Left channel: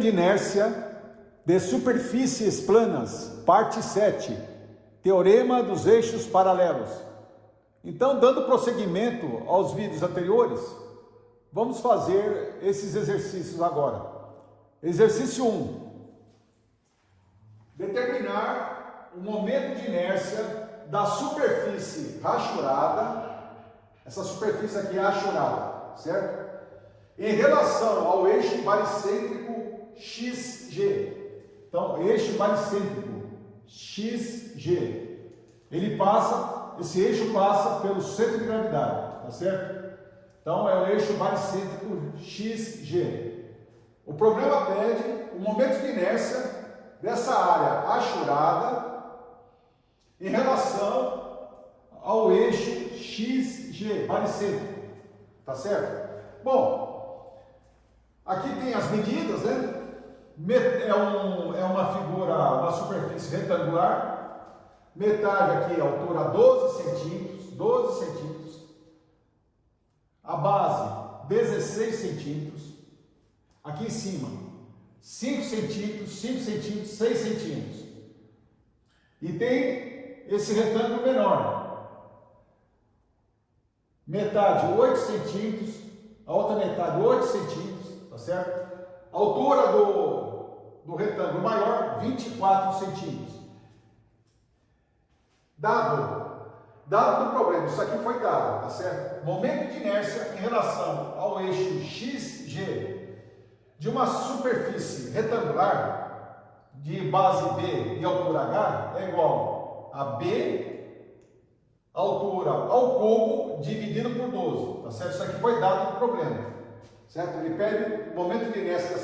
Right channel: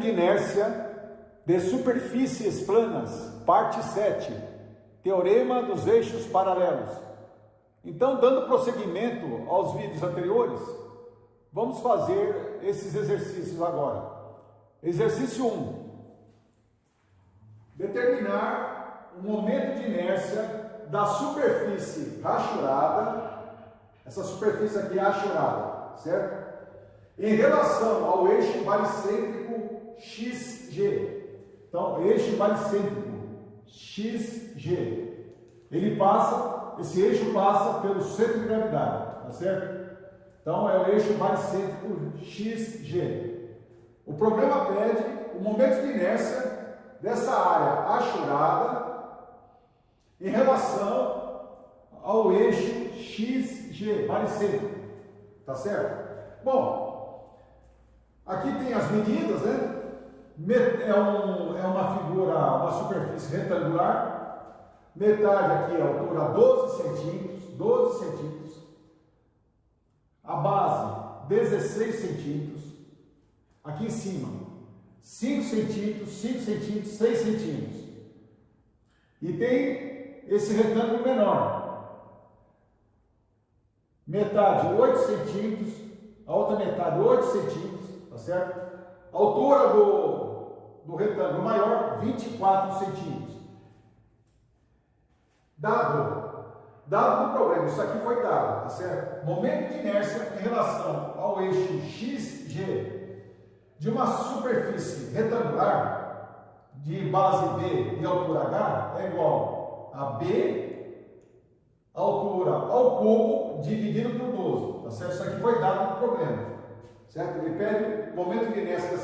de inércia de superfícies planas, parte 7, teorema dos eixos paralelos. Então, dando prosseguimento aos vídeos anteriores, vamos fazer esses exercícios agora. Exercício 1. Determinar o momento de inércia da superfície rachurada, essa superfície aqui é rachurada, certo? Em relação ao eixo baricêntrico XG. Então, eixo baricêntrico XG. Esse eixo passa pelo centro de gravidade, tá certo? Então, é o eixo baricêntrico XG. O problema pede o momento de inércia dessa área rachurada em relação ao eixo XG, baricêntrico, tá certo? Bom, aqui tem as medidas, né? É uma figura, uma superfície retangular, metade aqui a altura 12 centímetros, a base 16 centímetros, aqui em cima 5 centímetros, 6 centímetros, e tem esse retângulo menor, metade 8 centímetros, a outra metade 8 centímetros, tá certo? A altura do retângulo maior, 24 centímetros. Dado o problema, isso aqui foi dado, tá certo? Momento de inércia em relação ao eixo XG de uma superfície retangular de base B e altura H é igual a B, altura ao cubo, dividido por 12, tá certo? Isso aqui foi dado no problema, certo? Ele pede o momento de inércia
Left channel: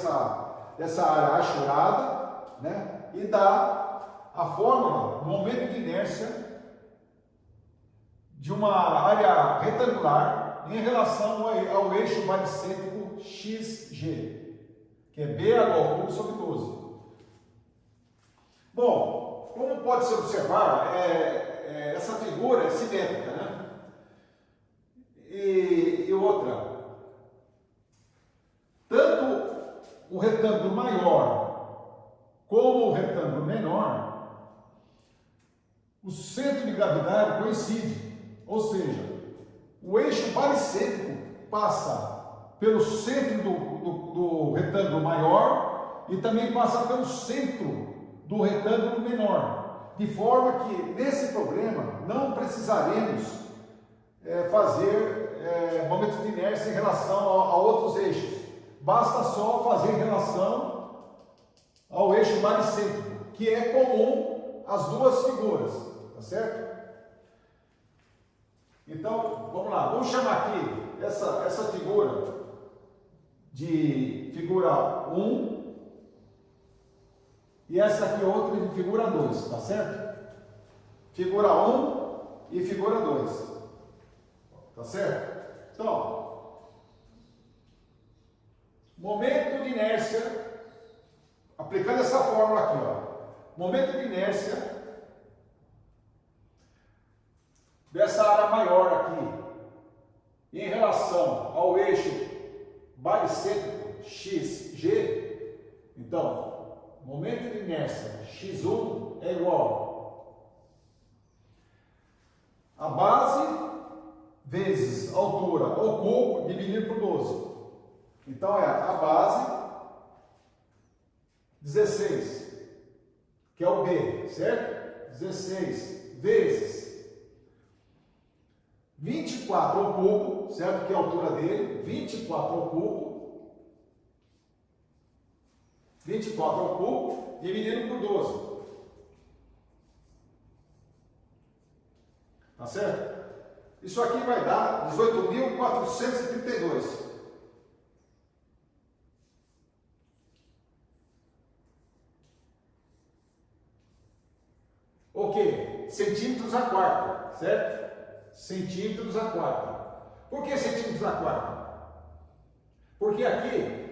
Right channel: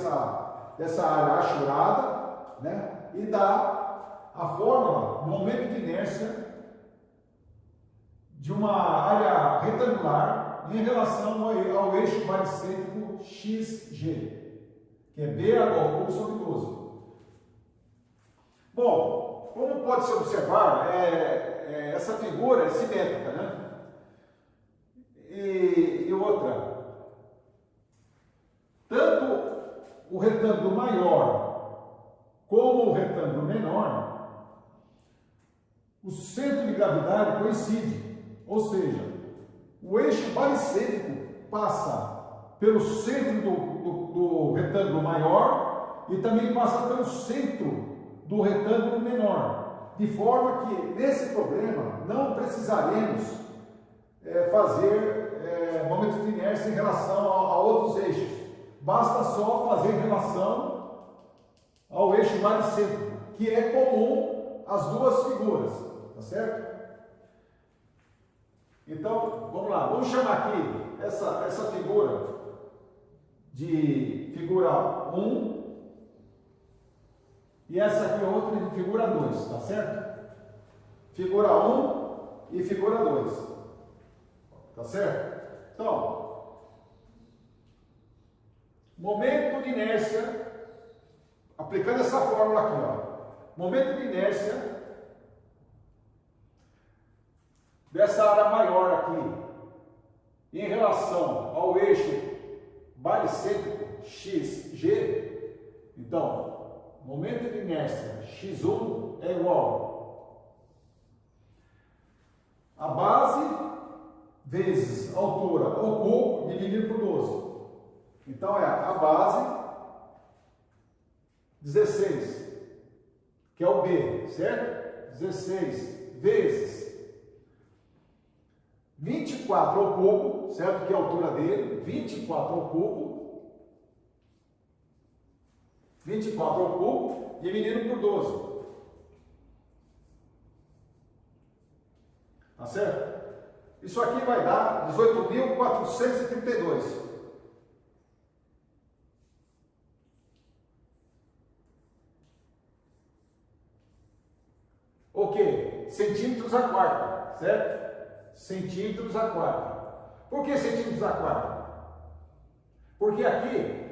dessa área rachurada, né? E dá a fórmula, o momento de inércia de uma área retangular em relação ao eixo baricêntrico XG, que é BH ao cubo sobre 12. Bom, como pode se observar, essa figura é simétrica, né? E outra, tanto o retângulo maior como o retângulo menor, o centro de gravidade coincide, ou seja, o eixo baricêntrico passa pelo centro do retângulo maior e também passa pelo centro do retângulo menor, de forma que nesse problema não precisaremos fazer momentos de inércia em relação a outros eixos. Basta só fazer em relação ao eixo baricêntrico, que é comum às duas figuras, tá certo? Então, vamos lá, vamos chamar aqui essa figura de figura 1 e essa aqui outra de figura 2, tá certo? Figura 1 e figura 2, tá certo? Então, momento de inércia, aplicando essa fórmula aqui, ó, momento de inércia dessa área maior aqui em relação ao eixo baricêntrico XG, então, momento de inércia X1 é igual a base vezes a altura ao cubo dividido por 12. Então, é a base 16, que é o B, certo? 16 vezes 24 ao cubo, certo? Que é a altura dele, 24 ao cubo, 24 ao cubo, dividido por 12. Tá certo? Isso aqui vai dar 18.432. O que? Centímetros a quarta, certo? Centímetros a quarta. Por que centímetros a quarta? Porque aqui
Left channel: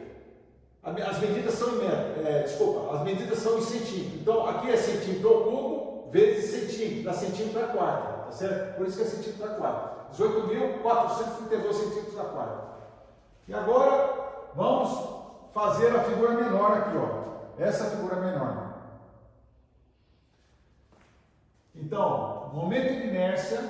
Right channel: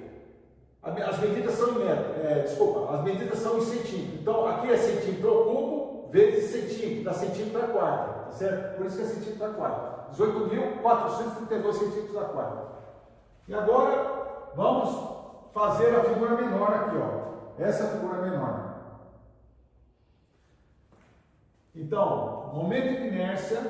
as medidas são em metro, as medidas são em centímetro. Então aqui é centímetro ao cubo vezes centímetro, dá centímetro a quarta, tá certo? Por isso que é centímetro a quarta. 18.432 centímetros a quarta. E agora vamos fazer a figura menor aqui, ó. Essa figura menor. Então, momento de inércia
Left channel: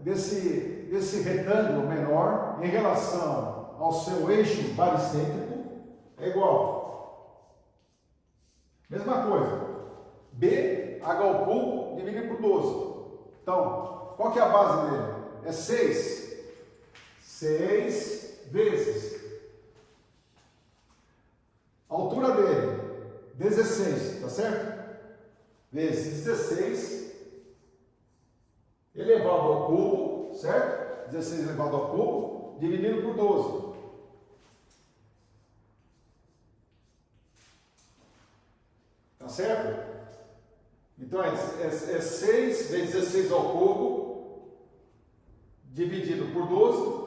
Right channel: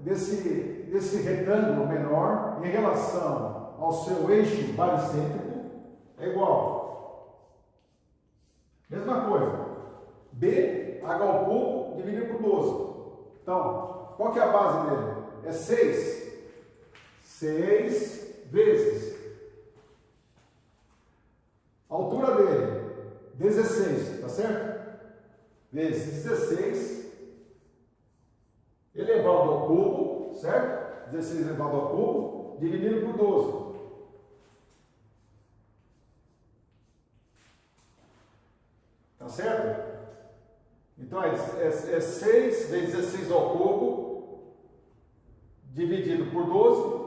desse retângulo menor em relação ao seu eixo baricêntrico é igual. Mesma coisa. BH ao cubo dividido por 12. Então, qual que é a base dele? É 6. 6 vezes. A altura dele, 16, tá certo? Vezes 16 elevado ao cubo, certo? 16 elevado ao cubo, dividido por 12. Tá certo? Então é 6 vezes 16 ao cubo, dividido por 12,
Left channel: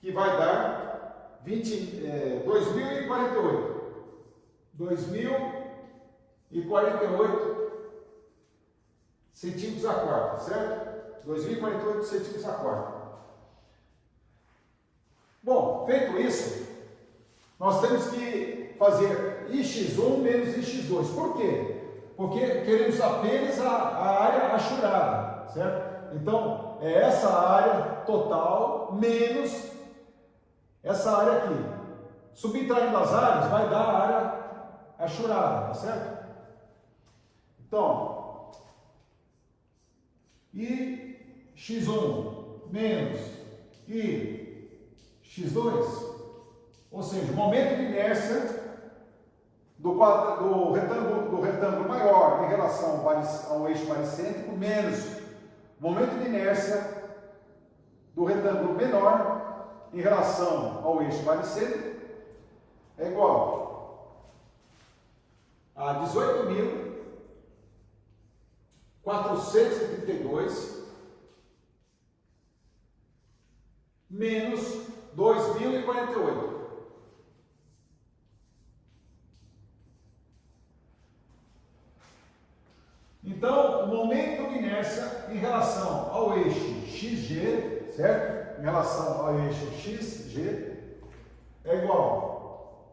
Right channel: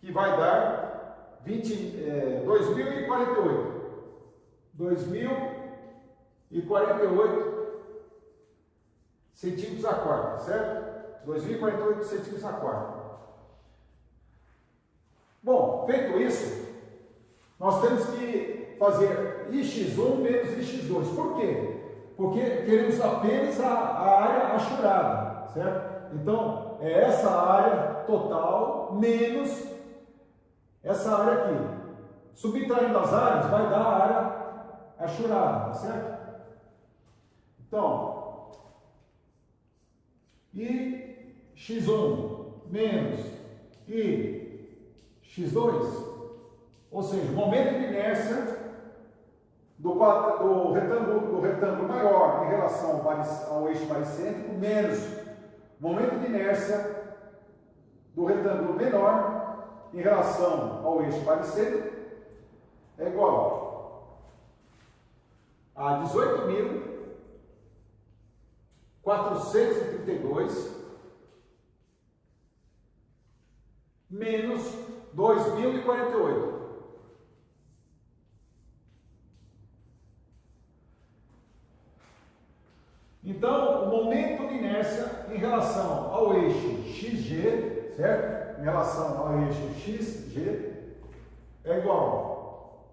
que vai dar 2048. 2048 centímetros a quarta, certo? 2048 centímetros a quarta. Bom, feito isso, nós temos que fazer IX1 menos IX2. Por quê? Porque queremos apenas a área achurada, certo? Então, é essa área total menos essa área aqui. Subtraindo as áreas, vai dar a área achurada, tá certo? Então, IX1 menos IX2, ou seja, o momento de inércia do retângulo maior em relação ao eixo baricêntrico menos o momento de inércia do retângulo menor em relação ao eixo baricêntrico é igual a 18.432 menos 2.048. Então, o momento de inércia em relação ao eixo XG, certo? Em relação ao eixo XG é igual.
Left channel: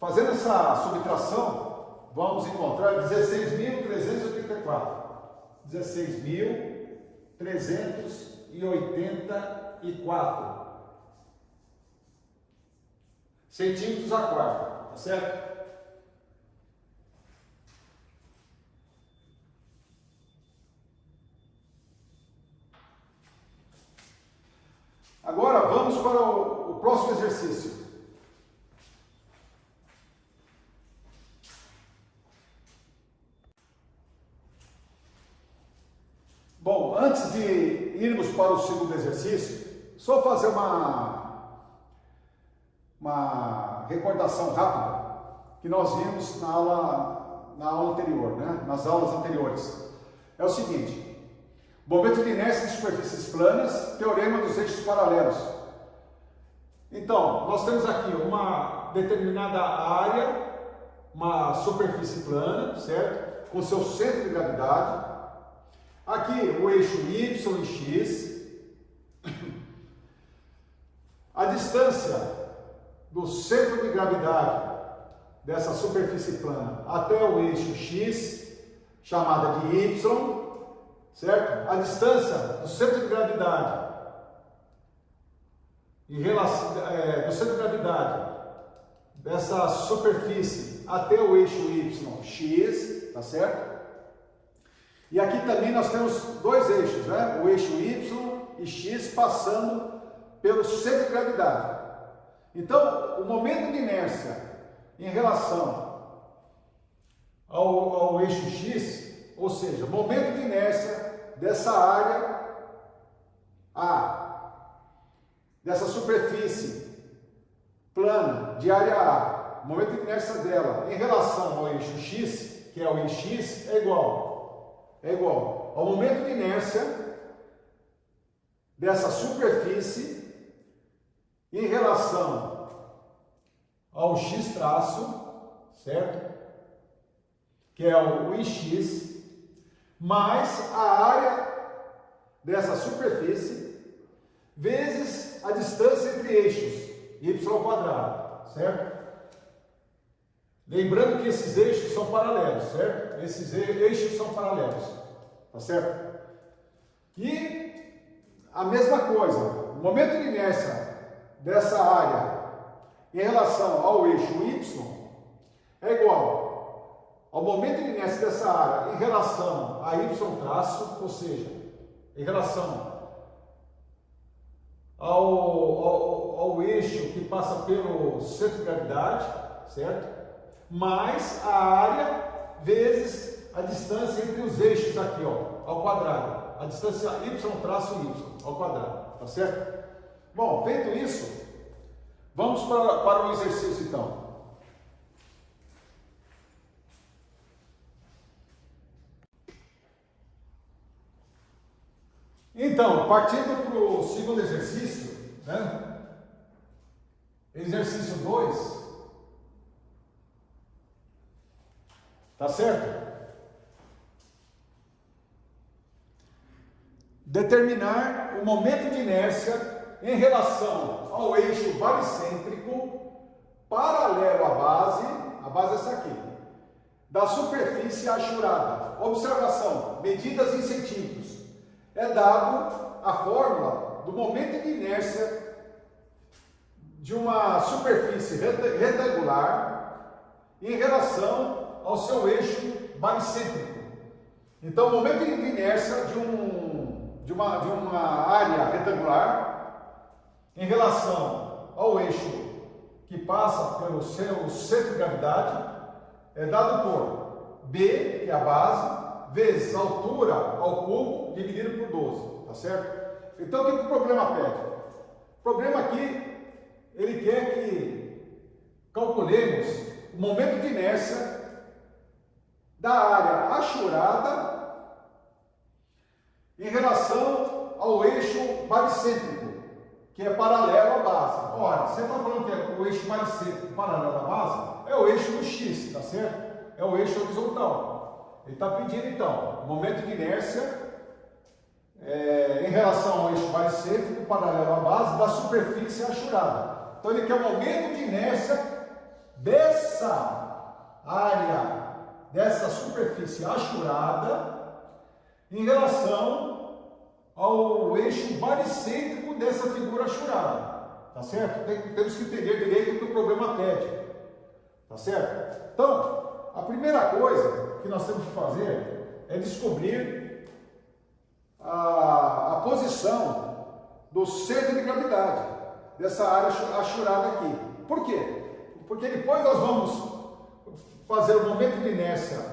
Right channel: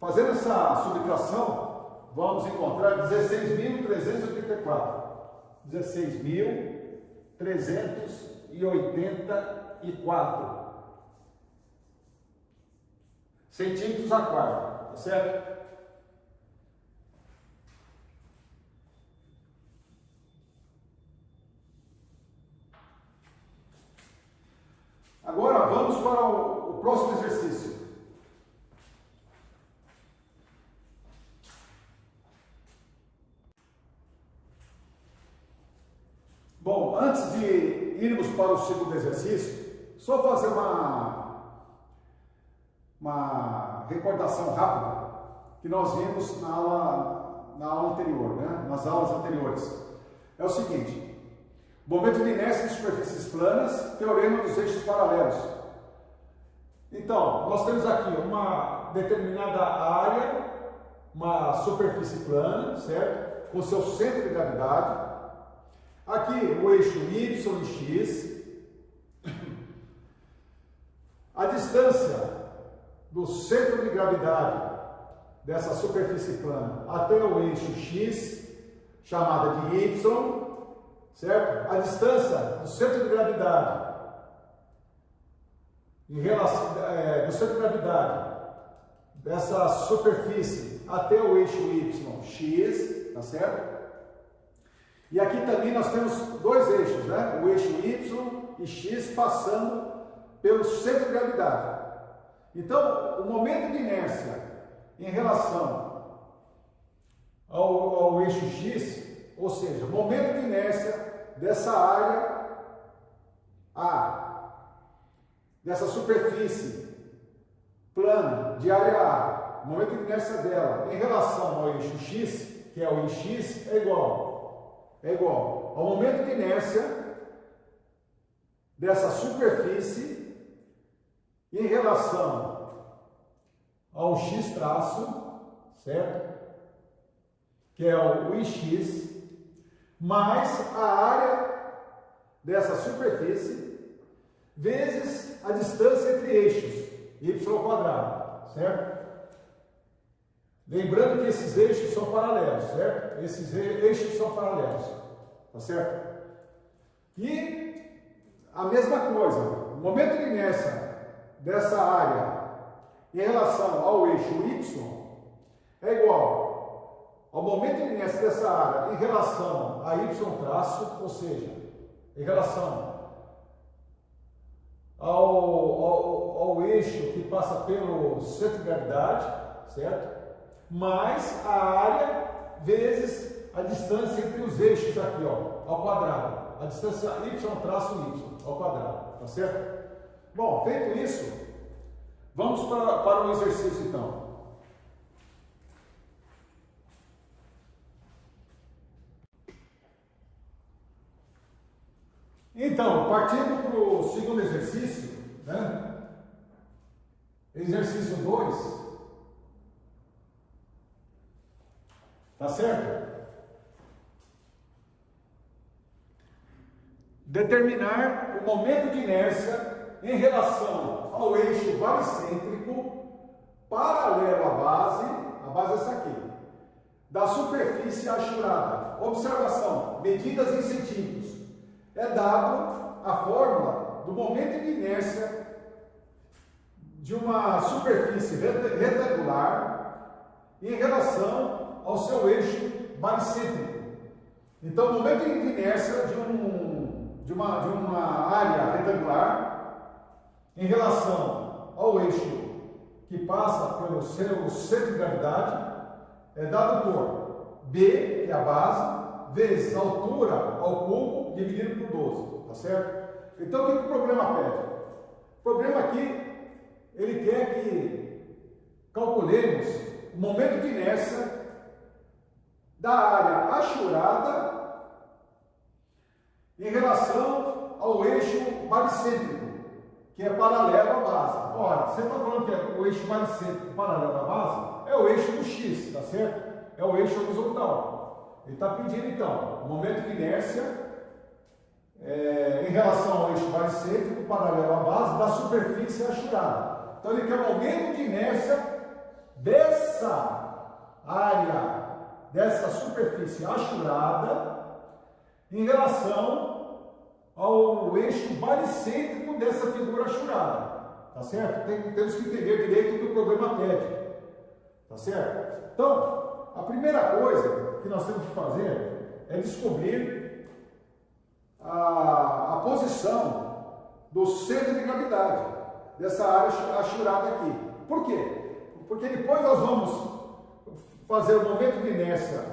Fazendo essa subtração, vamos encontrar 16.384. 16.384 centímetros a quarta, tá certo? Agora vamos para o próximo exercício. Bom, antes de irmos para o segundo exercício, só fazer uma recordação rápida que nós vimos na aula anterior, né? Nas aulas anteriores. É o seguinte: momento de inércia de superfícies planas, teorema dos eixos paralelos. Então, nós temos aqui uma determinada área, uma superfície plana, certo? Com seu centro de gravidade. Aqui o eixo Y e X. A distância do centro de gravidade dessa superfície plana até o eixo X, chamada de Y. Certo? A distância do centro de gravidade em relação do centro de gravidade dessa superfície até o eixo Y, X, tá certo? E aqui também nós temos dois eixos, né? O eixo Y e X passando pelo centro de gravidade. Então, o momento de inércia em relação ao eixo X, ou seja, o momento de inércia dessa área A, dessa superfície plana de área A, o momento de inércia dela em relação ao eixo X, que é o IX, é igual ao momento de inércia dessa superfície em relação ao X traço, certo? Que é o IX, mais a área dessa superfície vezes a distância entre eixos, y ao quadrado, certo? Lembrando que esses eixos são paralelos, certo? Esses eixos são paralelos, tá certo? E a mesma coisa, o momento de inércia dessa área em relação ao eixo Y é igual ao momento de inércia dessa área em relação a Y traço, ou seja, em relação ao eixo que passa pelo centro de gravidade, certo? Mais a área vezes a distância entre os eixos aqui, ó, ao quadrado. A distância y traço y ao quadrado, tá certo? Bom, feito isso, vamos para o exercício então. Então, partindo para o segundo exercício, né? Exercício 2, tá certo? Determinar o momento de inércia em relação ao eixo baricêntrico paralelo à base é essa aqui, da superfície achurada. Observação, medidas em centímetros. É dado a fórmula do momento de inércia de uma superfície retangular em relação ao seu eixo baricêntrico. Então, o momento de inércia de uma área retangular em relação ao eixo que passa pelo seu centro de gravidade é dado por B, que é a base, vezes a altura ao cubo dividido por 12, tá certo? Então, o que o problema pede? O problema aqui, ele quer que calculemos o momento de inércia da área achurada em relação ao eixo baricêntrico, que é paralelo à base. Ora, você está falando que o eixo baricêntrico paralelo à base é o eixo do X, tá certo? É o eixo horizontal. Ele está pedindo, então, o momento de inércia em relação ao eixo baricêntrico paralelo à base da superfície achurada. Então, ele quer o momento de inércia dessa área, dessa superfície achurada em relação ao eixo baricêntrico dessa figura achurada. Tá certo? Temos que entender direito o que o problema pede. Tá certo? Então, a primeira coisa que nós temos que fazer é descobrir a posição do centro de gravidade dessa área achurada aqui. Por quê? Porque depois nós vamos fazer o momento de inércia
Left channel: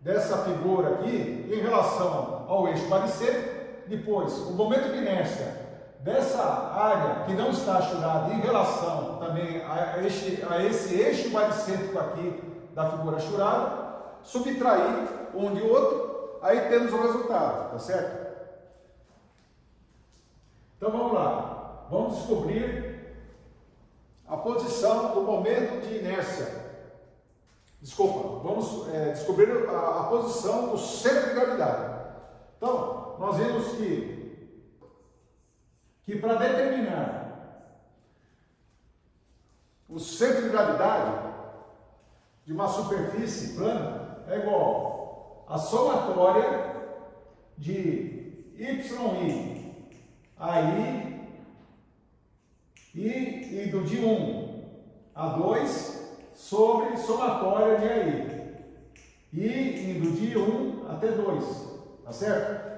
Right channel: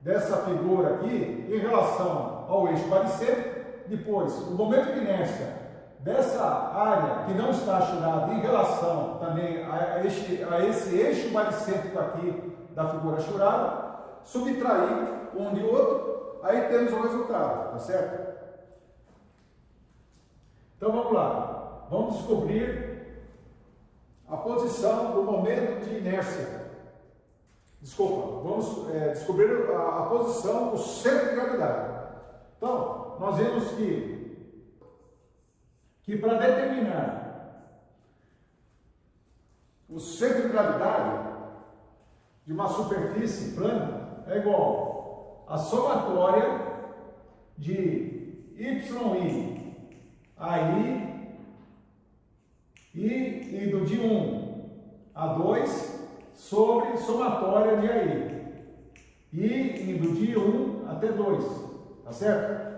dessa figura aqui em relação ao eixo baricêntrico, depois o momento de inércia dessa área que não está achurada em relação também a esse eixo baricêntrico aqui da figura achurada, subtrair um de outro, aí temos o resultado, tá certo? Então vamos lá, vamos descobrir a posição do momento de inércia. Desculpa, vamos descobrir a posição do centro de gravidade. Então, nós vemos que para determinar o centro de gravidade de uma superfície plana é igual a somatória de YI a I e do de 1 a 2 sobre somatória de AI. E indo de 1 até 2, tá certo?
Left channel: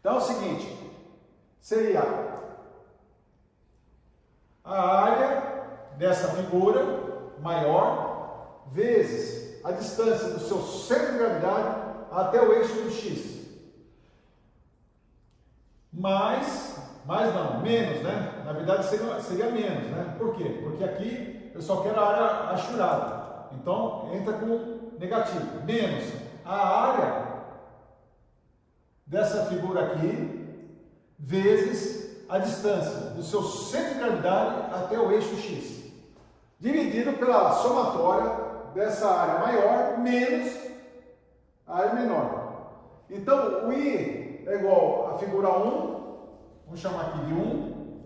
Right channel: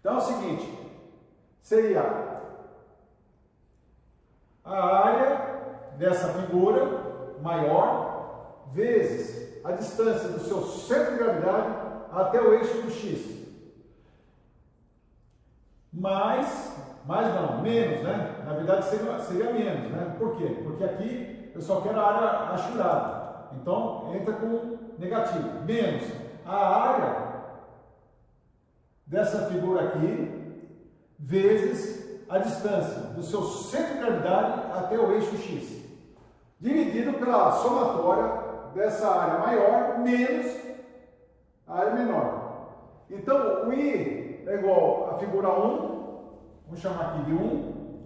Então é o seguinte, seria a área dessa figura maior vezes a distância do seu centro de gravidade até o eixo do X. Menos, né? Na verdade seria menos, né? Por quê? Porque aqui eu só quero a área achurada. Então entra com negativo. Menos a área dessa figura aqui vezes a distância do seu centro de gravidade até o eixo X. Dividido pela somatória dessa área maior menos a área menor. Então o I é igual a figura 1 Vamos chamar aqui de 1.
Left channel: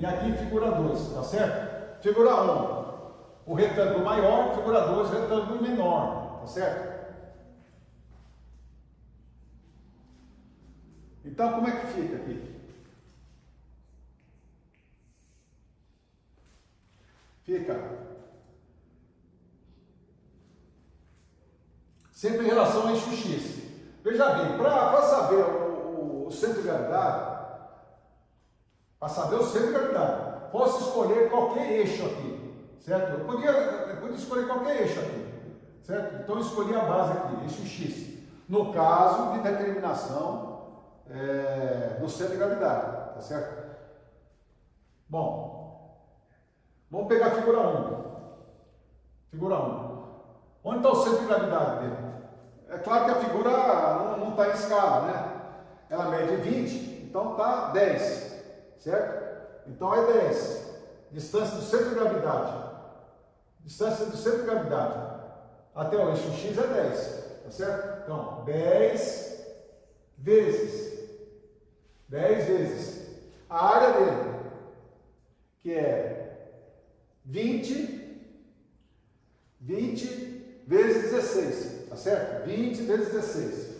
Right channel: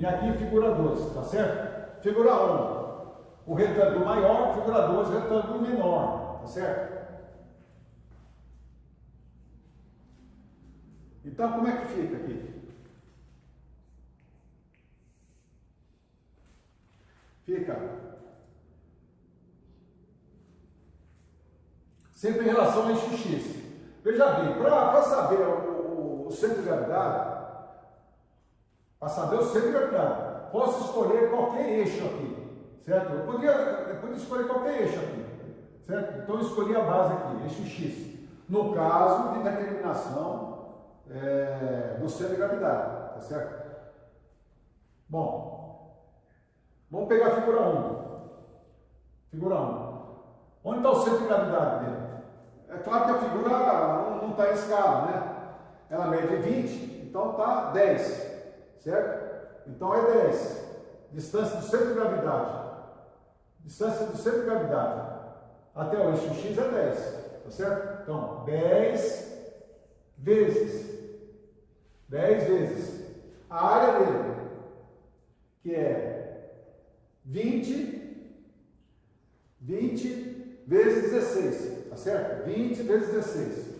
E aqui figura 2, tá certo? Figura 1, o retângulo maior, figura 2, o retângulo menor, tá certo? Então, como é que fica aqui? Fica sempre em relação ao eixo X. Veja bem, para saber o centro de gravidade, posso escolher qualquer eixo aqui, certo? Eu podia escolher qualquer eixo aqui, certo? Então eu escolhi a base aqui, eixo X, no caso de determinação do centro de gravidade, tá certo? Bom, vamos pegar a figura 1. Figura 1. Onde está o centro de gravidade dele? É claro que a figura não está em escala, né? Ela mede 20, então está 10, certo? Então é 10. Distância do centro de gravidade. Distância do centro de gravidade até o eixo X é 10, tá certo? Então, 10 vezes a área dele, que é 20 vezes 16, tá certo? 20 vezes 16.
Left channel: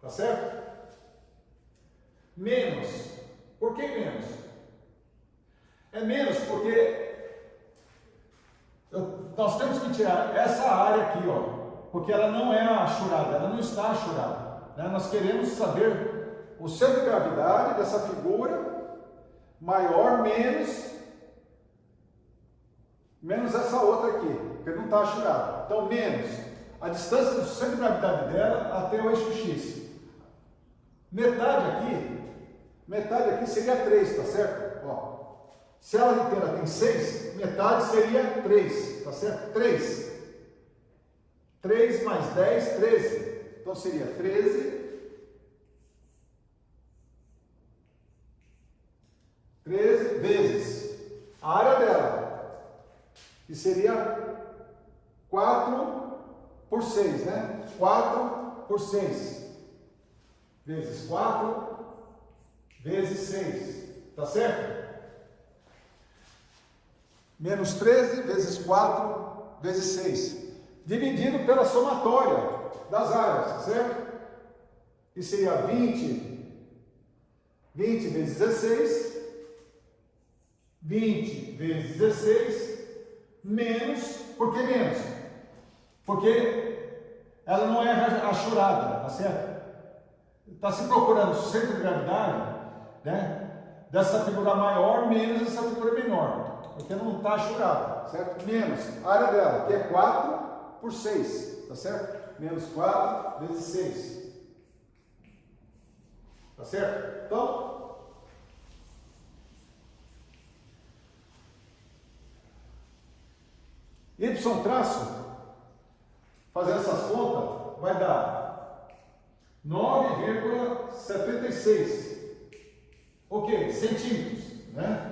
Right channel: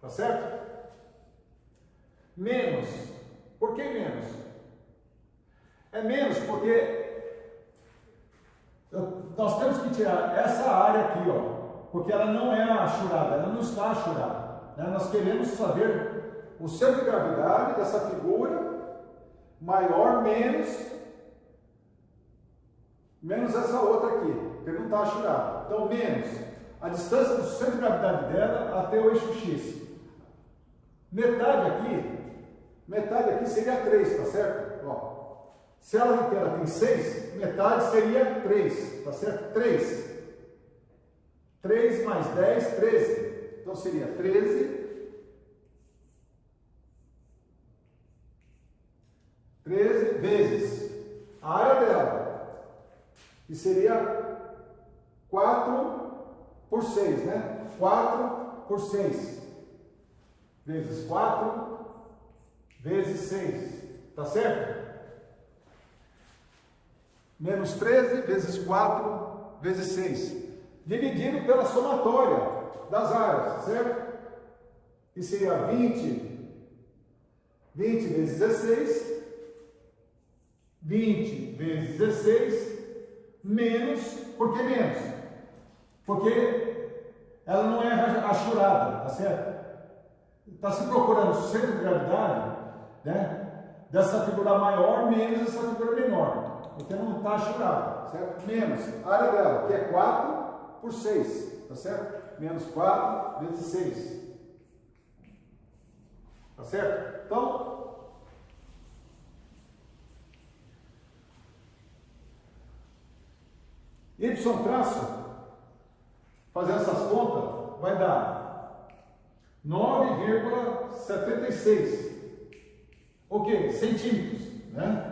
Tá certo? Menos. Por que menos? É menos porque nós temos que tirar essa área aqui, ó, porque ela não é achurada, ela não está achurada, né? Nós queremos saber o centro de gravidade dessa figura maior menos essa outra aqui, porque não está achurada. Então, menos a distância do centro de gravidade dela até o eixo X. Metade aqui seria 3, tá certo? Ó, se ela inteira tem 6, metade seria 3, tá certo? 3 mais 10, 13. Então seria 13 vezes a área dela, que seria 4 por 6, né? 4 por 6. Vezes 4 vezes 6, tá certo? Menos 13 vezes 4 vezes 6, dividido pela somatória das áreas, certo? Que seria 20 vezes 16, 20 vezes 16, menos, por que menos? Porque ela não é achurada, tá certo? Está se procurando o centro de gravidade, né, dessa figura maior menos essa figura menor, porque não está achurada, certo? Menos a área dela, que é 4 por 6, tá certo? Menos 4 vezes 6, tá certo? Então, y traço, fazendo essas contas, vai dar 9,76, ok, centímetros, né?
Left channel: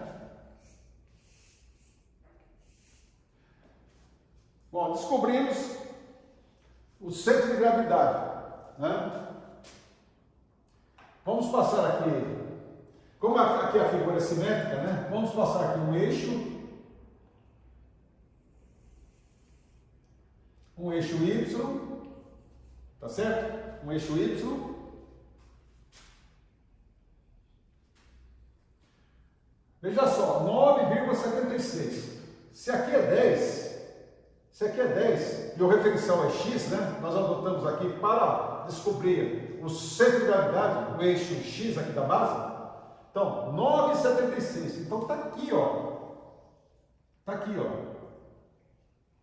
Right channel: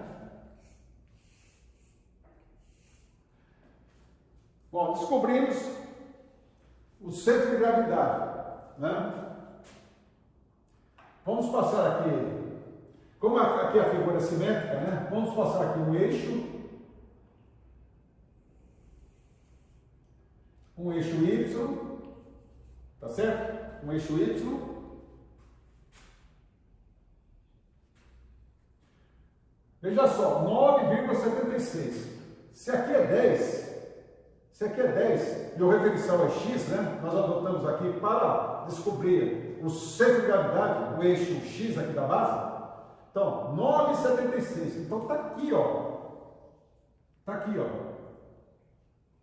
Bom, descobrimos o centro de gravidade, né? Vamos passar aqui, como aqui a figura é simétrica, né? Vamos passar aqui um eixo Y, tá certo? Um eixo Y, veja só, 9,76. Se aqui é 10, e o referencial é X, né? Nós adotamos aqui para descobrir o centro de gravidade, o eixo X aqui da base. Então, 9,76. Então, tá aqui, ó. Tá aqui, ó.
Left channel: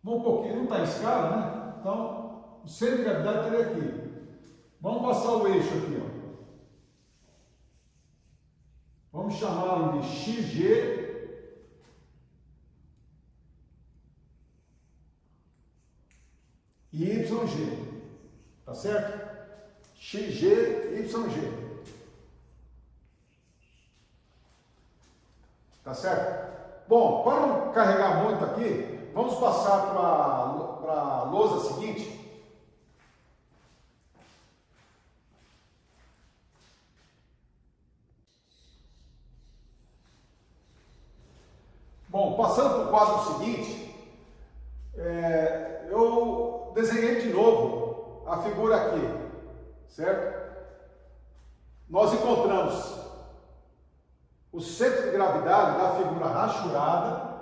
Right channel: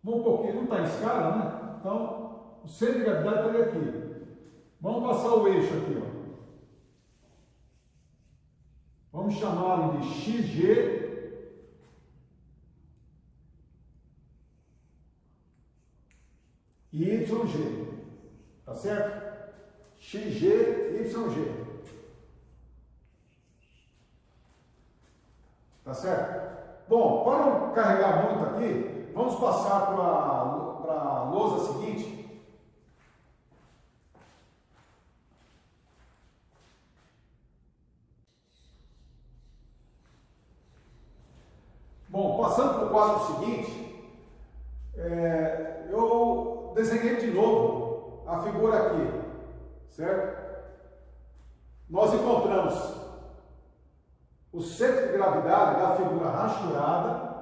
Um pouquinho, não está em escala, né? Então, o centro de gravidade estaria aqui. Vamos passar o eixo aqui, ó. Vamos chamá-lo de XG e YG. Tá certo? XG, YG. Tá certo? Bom, para não carregar muito aqui, vamos passar para a lousa seguinte. Bom, passando para o quadro seguinte, eu desenhei de novo a figura aqui, certo? Nós encontramos o centro de gravidade da figura rachurada,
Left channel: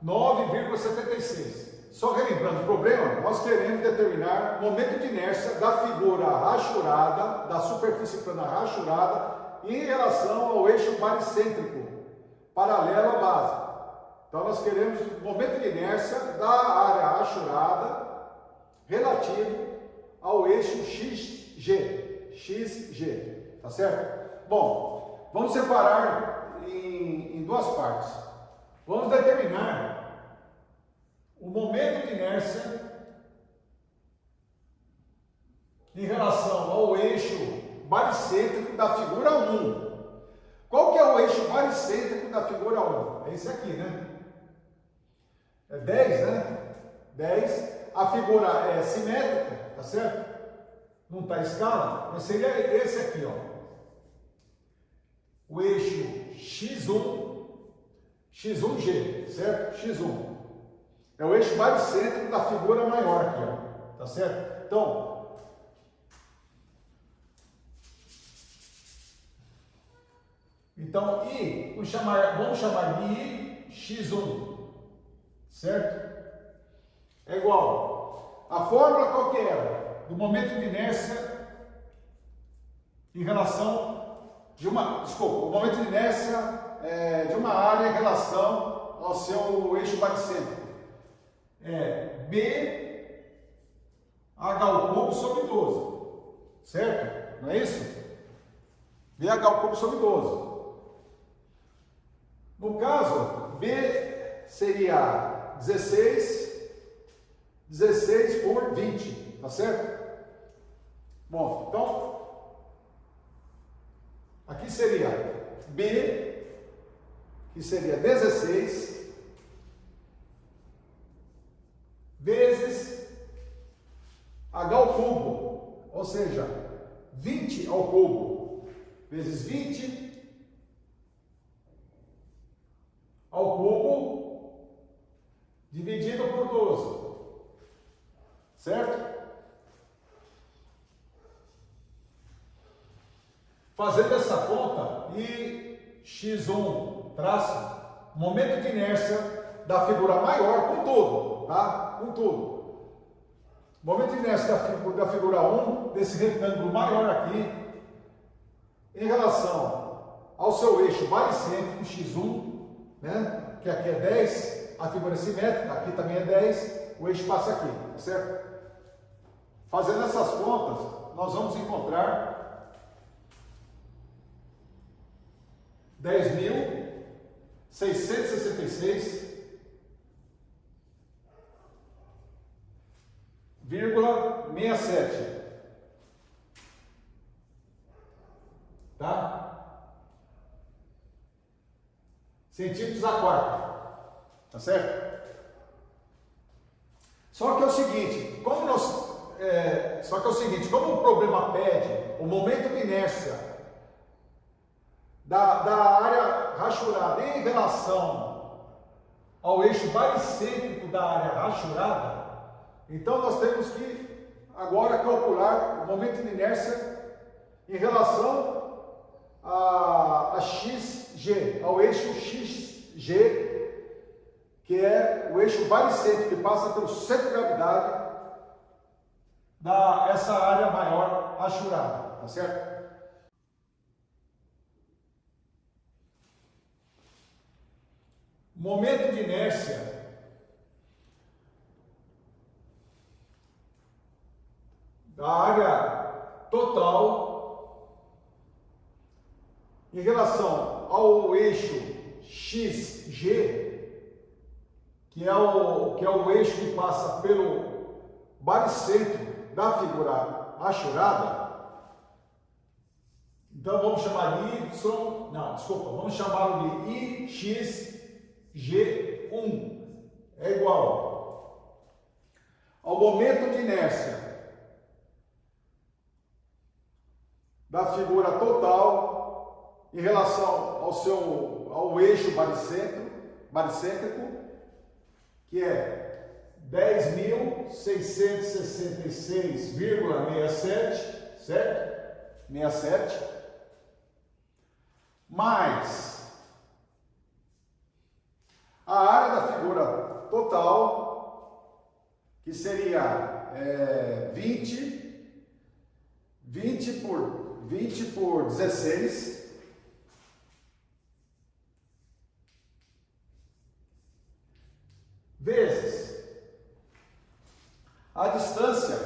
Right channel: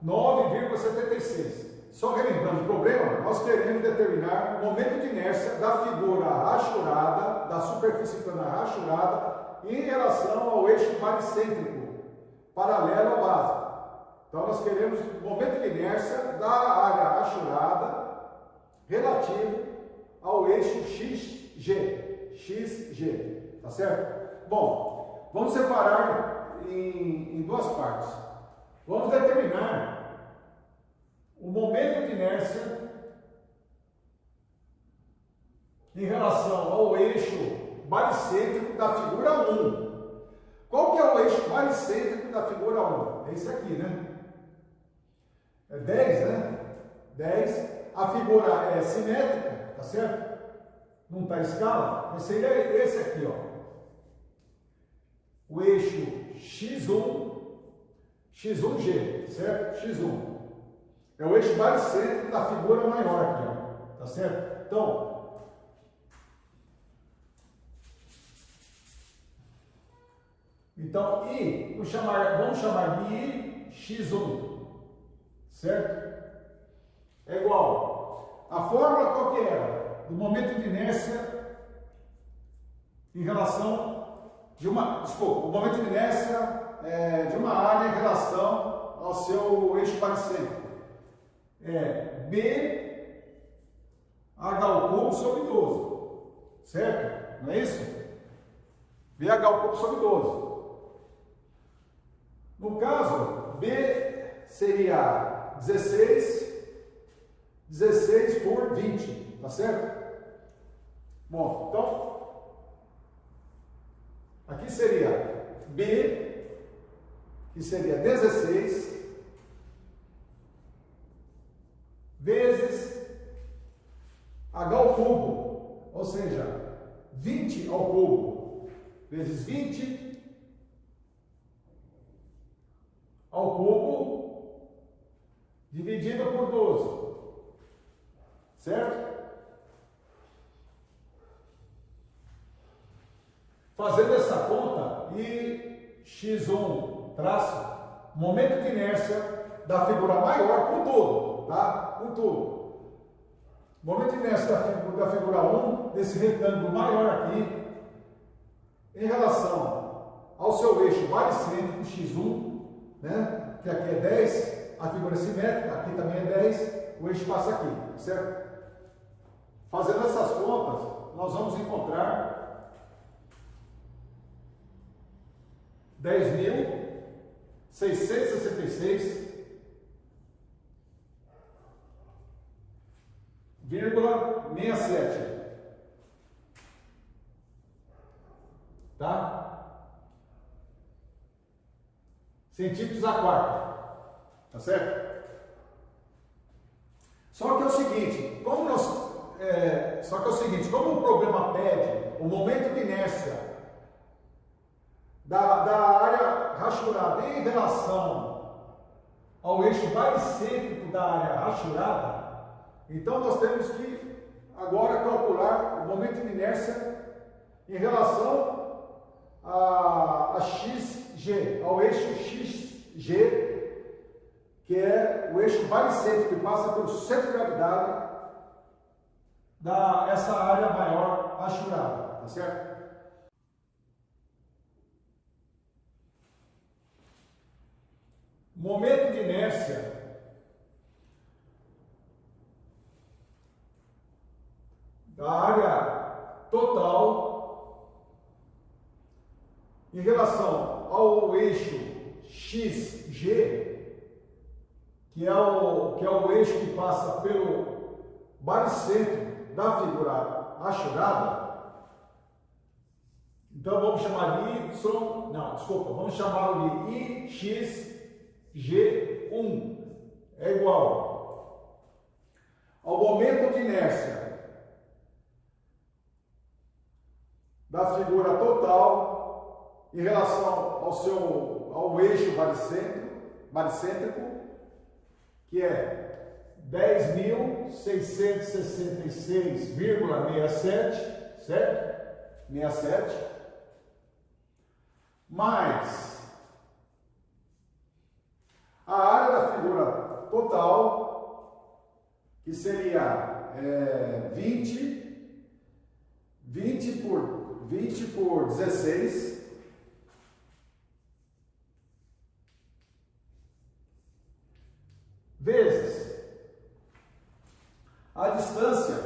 9,76. Só relembrando o problema, nós queremos determinar o momento de inércia da figura rachurada, da superfície plana rachurada, em relação ao eixo baricêntrico, paralelo à base. Então, nós queremos o momento de inércia da área rachurada relativo ao eixo XG, tá certo? Bom, vamos separar em duas partes. Vamos determinar o momento de inércia em relação ao eixo baricêntrico da figura 1. Qual que é o eixo baricêntrico da figura 1? É esse aqui, né? É 10, né? 10. A figura é simétrica, tá certo? Não está em escala, mas seria esse aqui, ó. O eixo X1G, certo? X1. É o eixo baricêntrico da figura maior aqui, ó. Tá certo? Então, I, vamos chamar de I X1. Certo? É igual. A fórmula qual que era? Do momento de inércia em relação de uma... Desculpa, o momento de inércia de uma área em relação ao seu eixo baricêntrico. É BH ao cubo sobre 12. Certo? Não é isso? BH ao cubo sobre 12. No caso, B seria 16 por 20, tá certo? Bom, então, aqui seria B, que seria 16, vezes H ao cubo, ou seja, 20 ao cubo, vezes 20 ao cubo, dividido por 12, certo? Fazendo essa conta, e X1 traço, momento de inércia da figura maior, com tudo, tá? Com tudo. Momento de inércia da figura 1, desse retângulo maior aqui, em relação ao seu eixo baricêntrico X1, né? Que aqui é 10, a figura é simétrica, aqui também é 10, o eixo passa aqui, certo? Fazendo essas contas, nós vamos encontrar 10.666,67, tá? Centímetros a quarta. Tá certo? Só que é o seguinte, como o problema pede o momento de inércia da área rachurada em relação ao eixo baricêntrico da área rachurada, então nós temos que agora calcular o momento de inércia em relação a XG, ao eixo XG, que é o eixo baricêntrico que passa pelo centro de gravidade dessa área maior rachurada, tá certo? Momento de inércia da área total em relação ao eixo XG, que é o eixo que passa pelo baricêntrico da figura rachurada. Então vamos chamar de vamos chamá-lo de IX G1 é igual ao momento de inércia da figura total em relação ao eixo baricêntrico, que é 10.666,67, certo? 67, mais a área da figura total, que seria 20 por 16, vezes a distância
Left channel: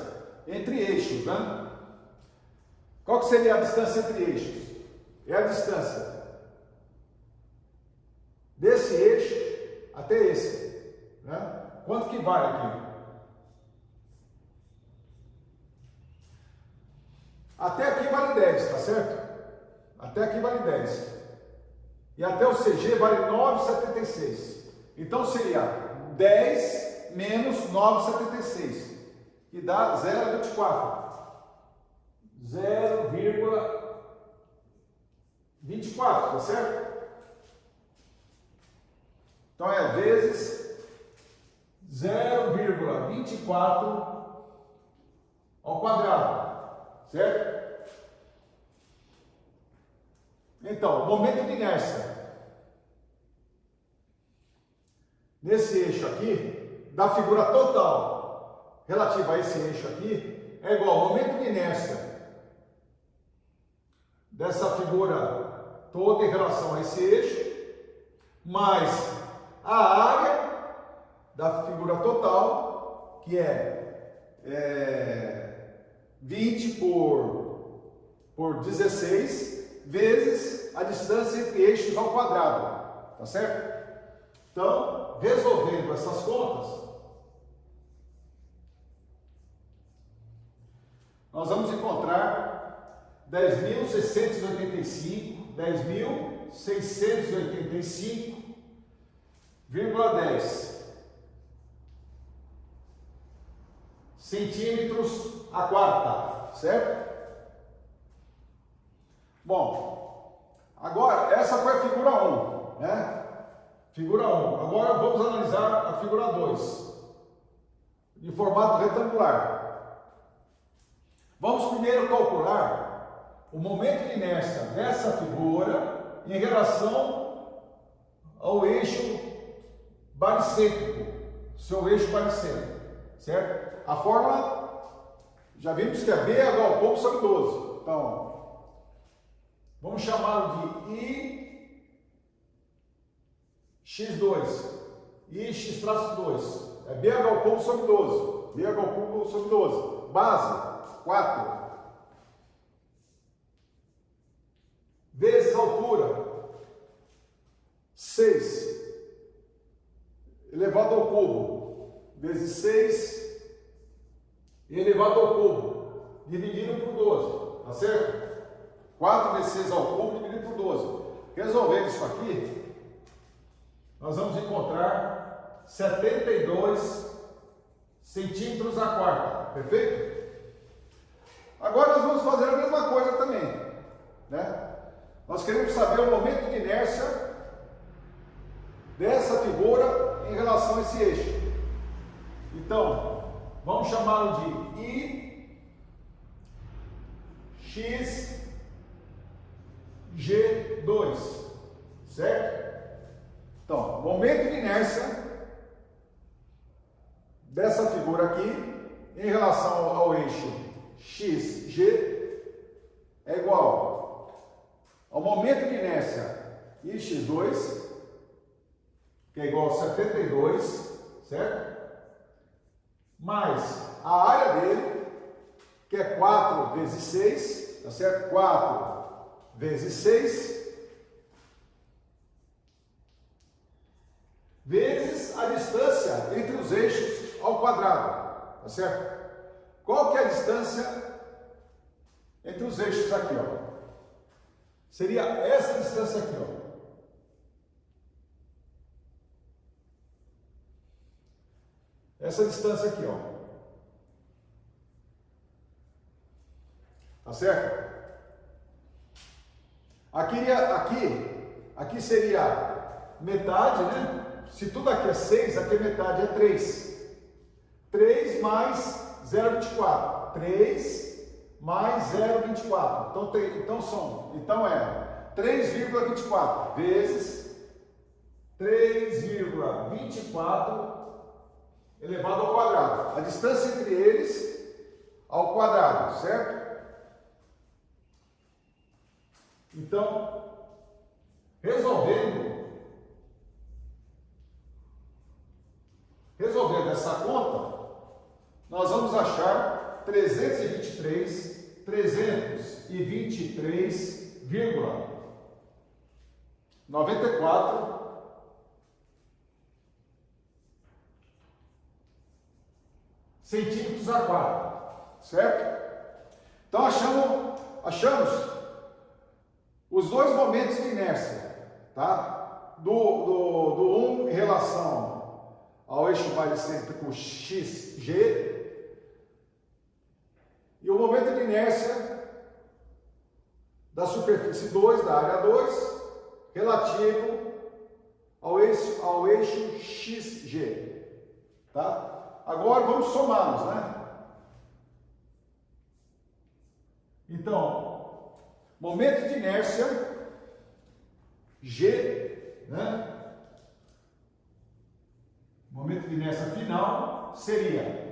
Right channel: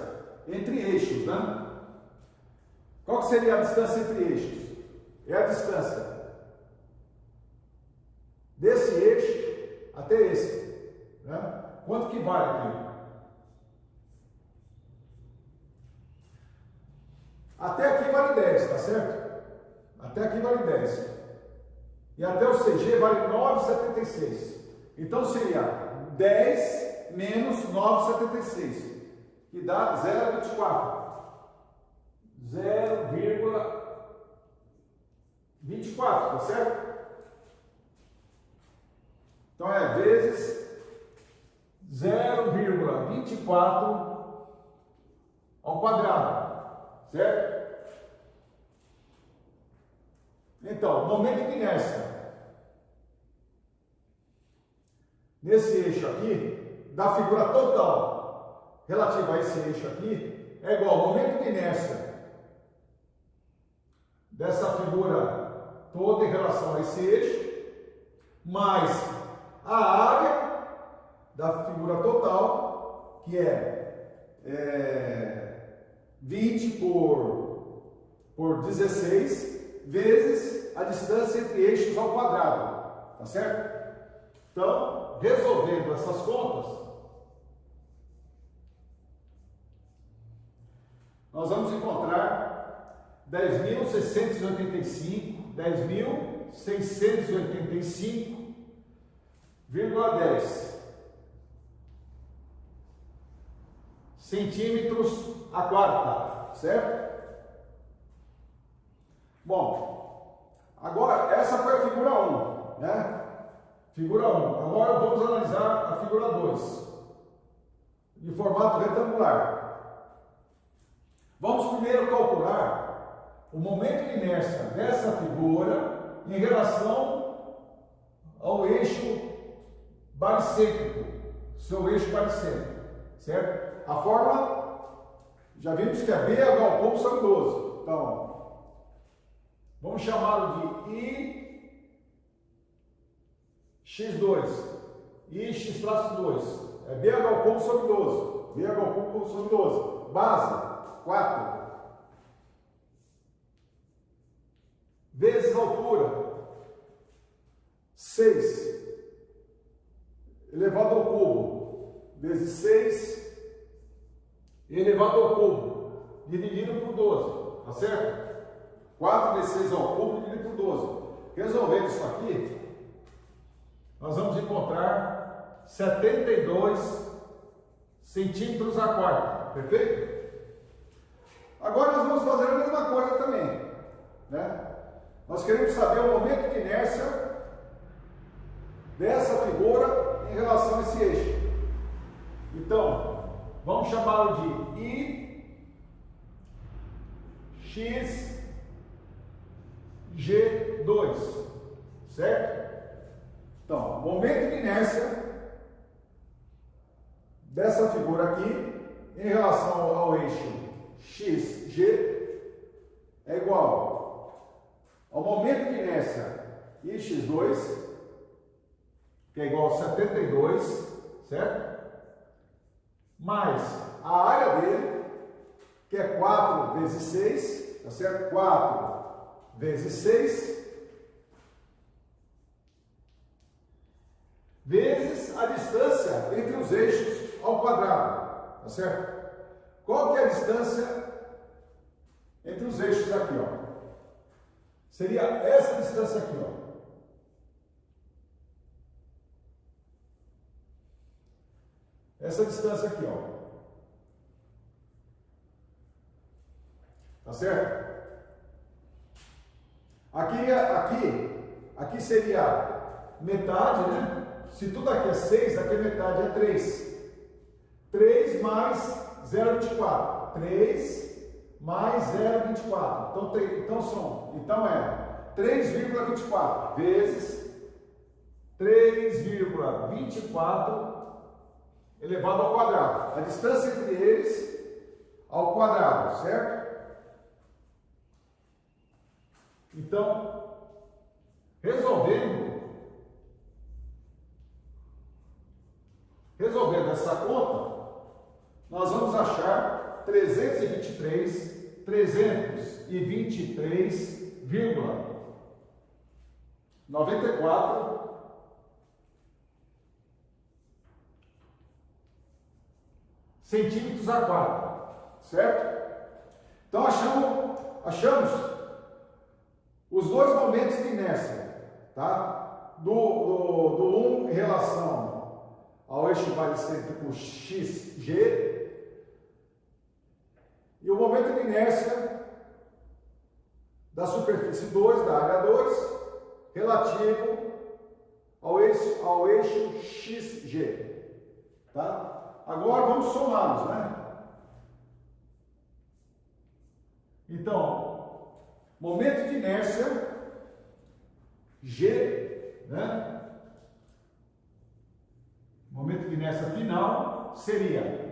entre eixos, né? Qual que seria a distância entre eixos? É a distância desse eixo até esse, né? Quanto que vale aqui? Até aqui vale 10, tá certo? Até aqui vale 10. E até o CG vale 9,76. Então seria 10 menos 9,76, que dá 0,24. 0,24, tá certo? Então é vezes 0,24 ao quadrado, certo? Então, momento de inércia nesse eixo aqui, da figura total relativa a esse eixo aqui, é igual ao momento de inércia dessa figura toda em relação a esse eixo, mais a área da figura total, que é 20 por 16, vezes a distância entre eixos ao quadrado, tá certo? Então, resolvendo essas contas, nós vamos encontrar 10.685 centímetros a quarta, certo? Bom, agora essa foi a figura 1, né? Figura 1. Agora vamos analisar a figura 2, de formato retangular. Vamos primeiro calcular o momento de inércia dessa figura em relação ao eixo baricêntrico, seu eixo baricêntrico, certo? A fórmula, já vimos que é B é igual ao cômodo sobre 12. Então, vamos chamá-lo de IX2, IX-2, é B igual ao cômodo sobre 12, B igual ao cômodo sobre 12, base, 4, vezes altura, 6, elevado ao cubo, vezes 6, elevado ao cubo, dividido por 12, tá certo? 4 vezes 6 ao cubo, dividido por 12. Resolvendo isso aqui, nós vamos encontrar 72 centímetros a quarta, perfeito? Agora nós vamos fazer a mesma coisa também, né? Nós queremos saber o momento de inércia dessa figura em relação a esse eixo. Então, vamos chamá-lo de IX-G2, certo? Então, momento de inércia dessa figura aqui em relação ao eixo XG é igual ao momento de inércia IX2, que é igual a 72, certo? Mais a área dele, que é 4 vezes 6, tá certo? 4 vezes 6, vezes a distância entre os eixos ao quadrado, tá certo? Qual que é a distância entre os eixos aqui, ó? Seria essa distância aqui, ó. essa distância aqui, ó. Tá certo? Aqui seria metade, né? Se tudo aqui é 6, aqui é metade, é 3. 3 mais 0,24. 3 mais 0,24. Então é 3,24 vezes 3,24 elevado ao quadrado. A distância entre eles ao quadrado, certo? Então, resolvendo essa conta, nós vamos achar 323,94 centímetros a quadro, certo? Então achamos os dois momentos de inércia, tá? Do 1 em relação ao eixo baricêntrico XG e o momento de inércia da superfície 2, da área 2, relativo ao eixo XG, tá? Agora vamos somá-los, né? Então, momento de inércia G, né? Momento de inércia final seria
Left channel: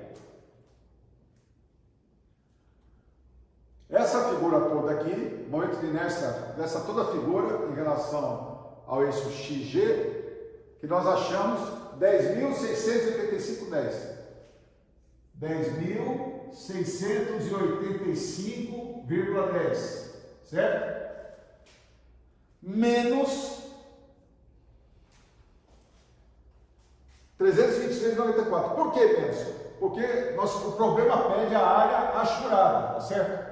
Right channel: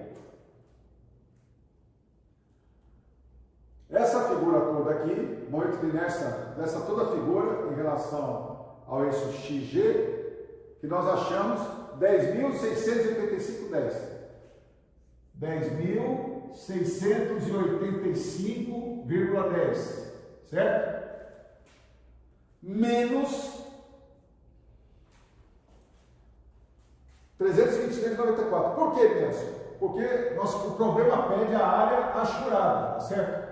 essa figura toda aqui, momento de inércia dessa toda figura em relação ao eixo XG, que nós achamos 10.685,10. 10.685,10, certo? Menos 326,94. Por que menos? Porque o problema pede a área achurada, tá certo?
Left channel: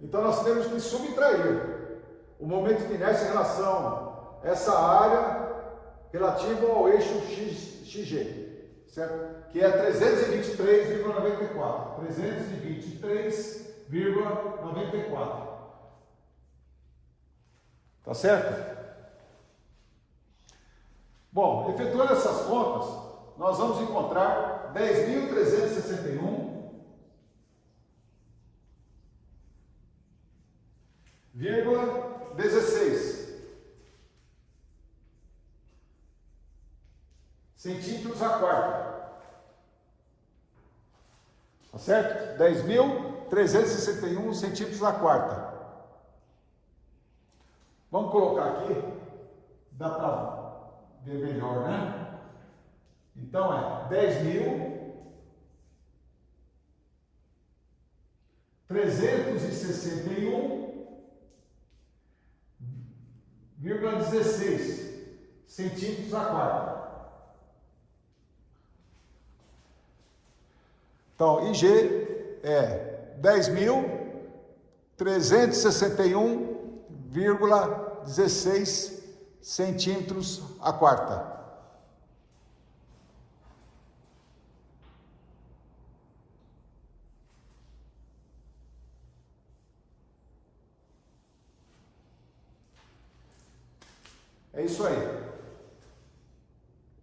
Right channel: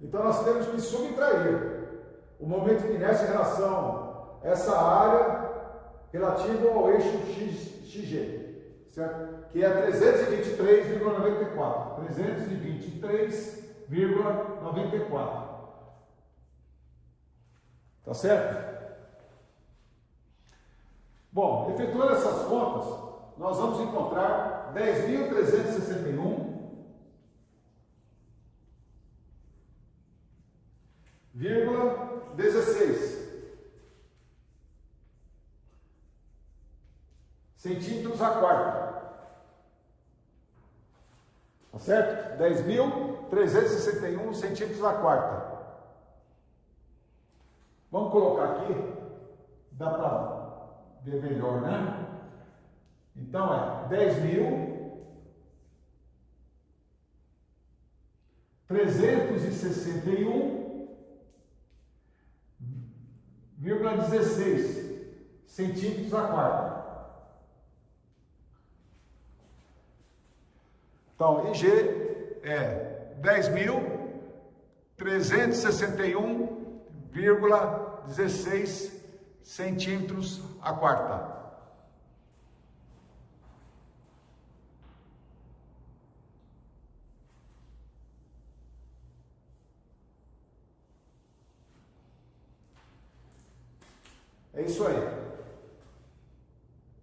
Então nós temos que subtrair o momento de inércia em relação a essa área relativa ao eixo XG, certo? Que é 323,94. 323,94. Tá certo? Bom, efetuando essas contas, nós vamos encontrar 10.361,16 centímetros a quarta. Tá certo? 10.361 centímetros a quarta. Vamos colocar aqui, dá para ver melhor, né? Então é 10.361,16 centímetros a quarta. Então, IG é 10.361,16 centímetros a quarta. É isso aí.